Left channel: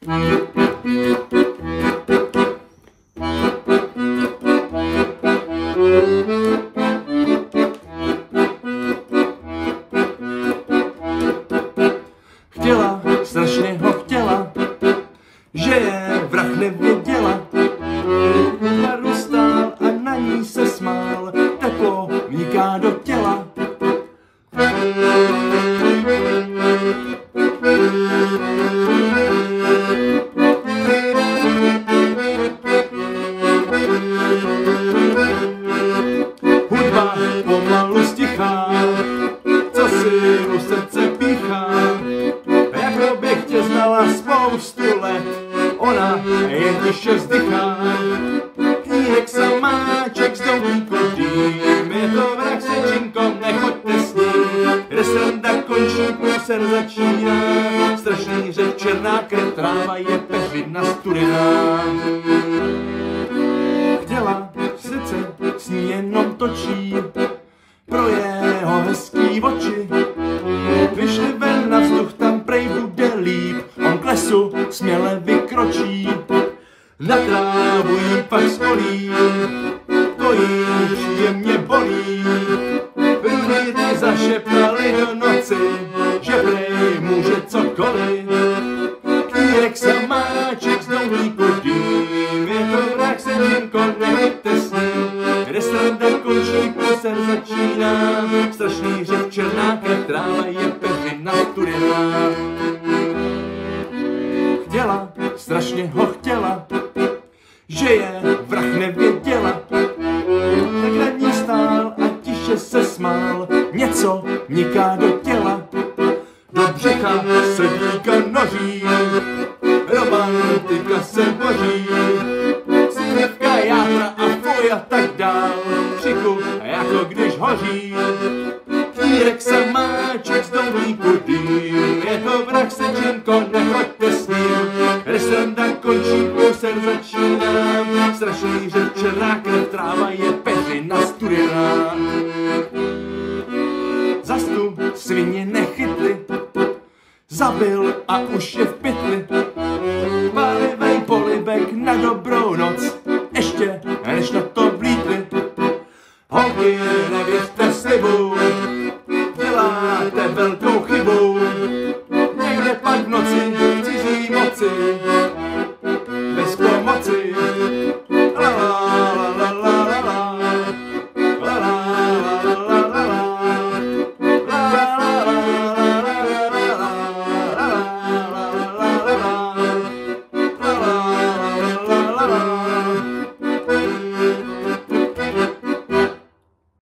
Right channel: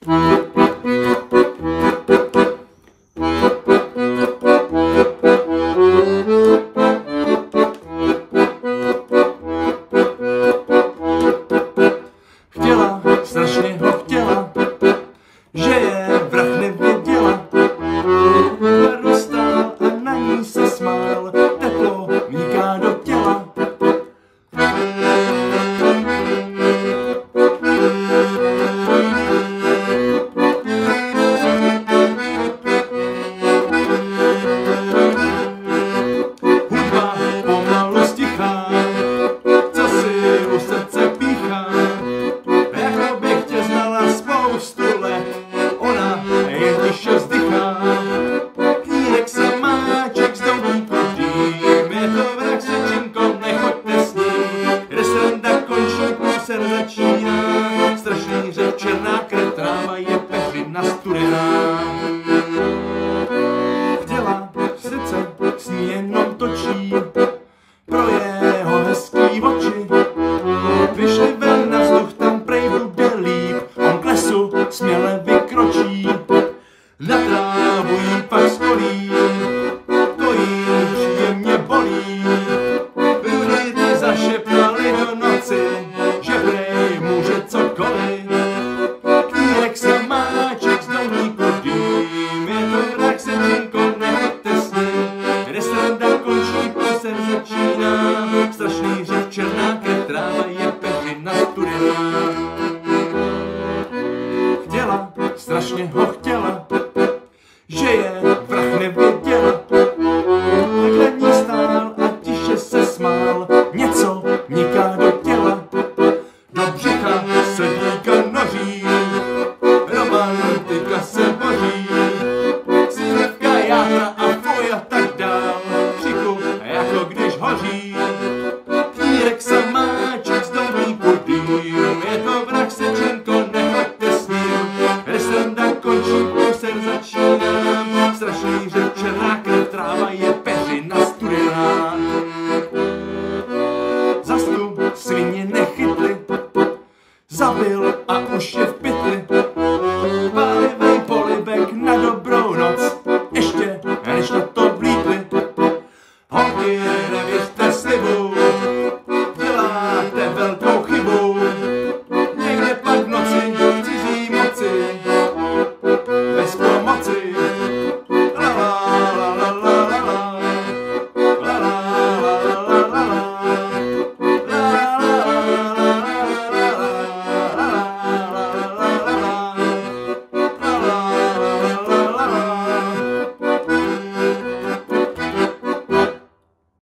Chtěla, strašně ho chtěla, že je vrah nevěděla. V baru stál a na ní se smál, teplo vniká do těla. Hudba pomalu stichá, co si u srdce píchá. Jako bych tě znala spoustu let, ona jen tiše vzdychá. Knírek samáček z domníku dým, je to vrah se činkom, nechoďte s ním. Kde sranda končí, průser začíná, strašný řev, černá krev, tráva je peřina studená. Chtěla, srdce s ní jenom točí, pro jeho hezký oči. Vyšli ven na vzduch, tam prej bude líp, on k lesu směle vykročí. Na trávu jí pak skolí, to jí příjemně bolí. Rudy zašeptali do noci, že prej může cokoliv. Knírek samáček z domníku dým, je to vrah se činko, nechoďte s ním. Kde sranda končí, průser začíná, strašný řev, černá krev, tráva je peřina studená. Chtěla, strašně ho chtěla, že je vrah nevěděla. Tak nad ní stál a tiše se smál, něco niká do těla. Do břicha se dýka noří, romantika se boří. Slivka, játra a fuj a tak dál, křiku jako když hoří. Knírek samáček z domníku dým, je to vrah se činko, nechoďte s ním. Kde sranda končí, průser začíná, strašný řev, černá krev, tráva je peřina studená. Zas tu svině nechytli, zabil a už je v pytli. Pálivej polibek na dobrou noc,